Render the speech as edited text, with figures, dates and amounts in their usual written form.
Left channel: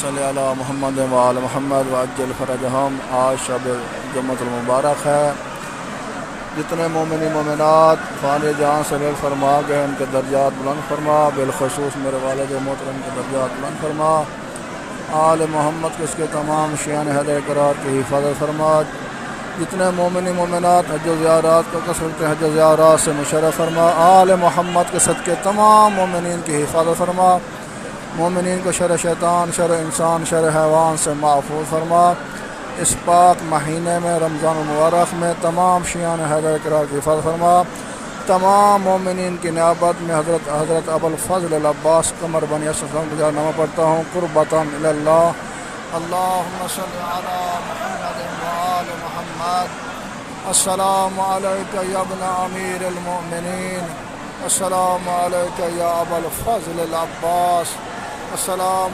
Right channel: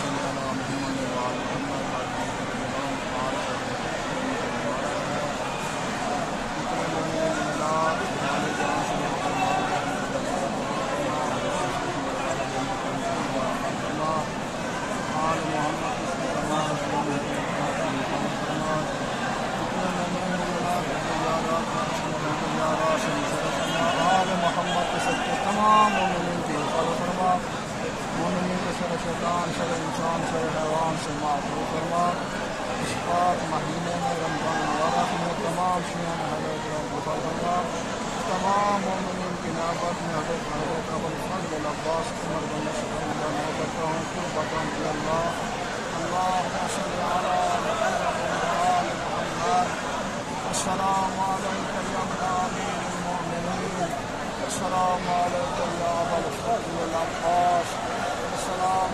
صل علی محمد وآل محمد وعجل فرجہم۔ آج شب جمعۃ المبارک ہے۔ جتنے مومنی مومنات فانی جہاں سے رحل فرما گئے ان کے درجات بلند فرما، بالخصوص میرے والد محترم کے درجات بلند فرما، آل محمد کے اس کے تمام شیعان حیدر کرات کی حفاظت فرما، جتنے مومنی مومنات حج و زیارات کو کثرت حج و زیارات سے مشرف فرما، آل محمد کے صدقے تمام مومنین کی حفاظت فرما، مومنین کو شر شیطان، شر انسان، شر حیوان سے محفوظ فرما۔ اس پاک مہینے میں رمضان المبارک میں تمام شیعان حیدر کرات کی حفاظت فرما، تمام مومنین کی نیابت میں حضرت ابوالفضل العباس قمر بن یوسف کا نامہ پڑھتا ہوں، قربتاً الی اللہ۔ اللہم صل علی محمد وآل محمد۔ السلام علیک یا ابن امیر المؤمنین، السلام علیک یا ابوالفضل العباس، السلام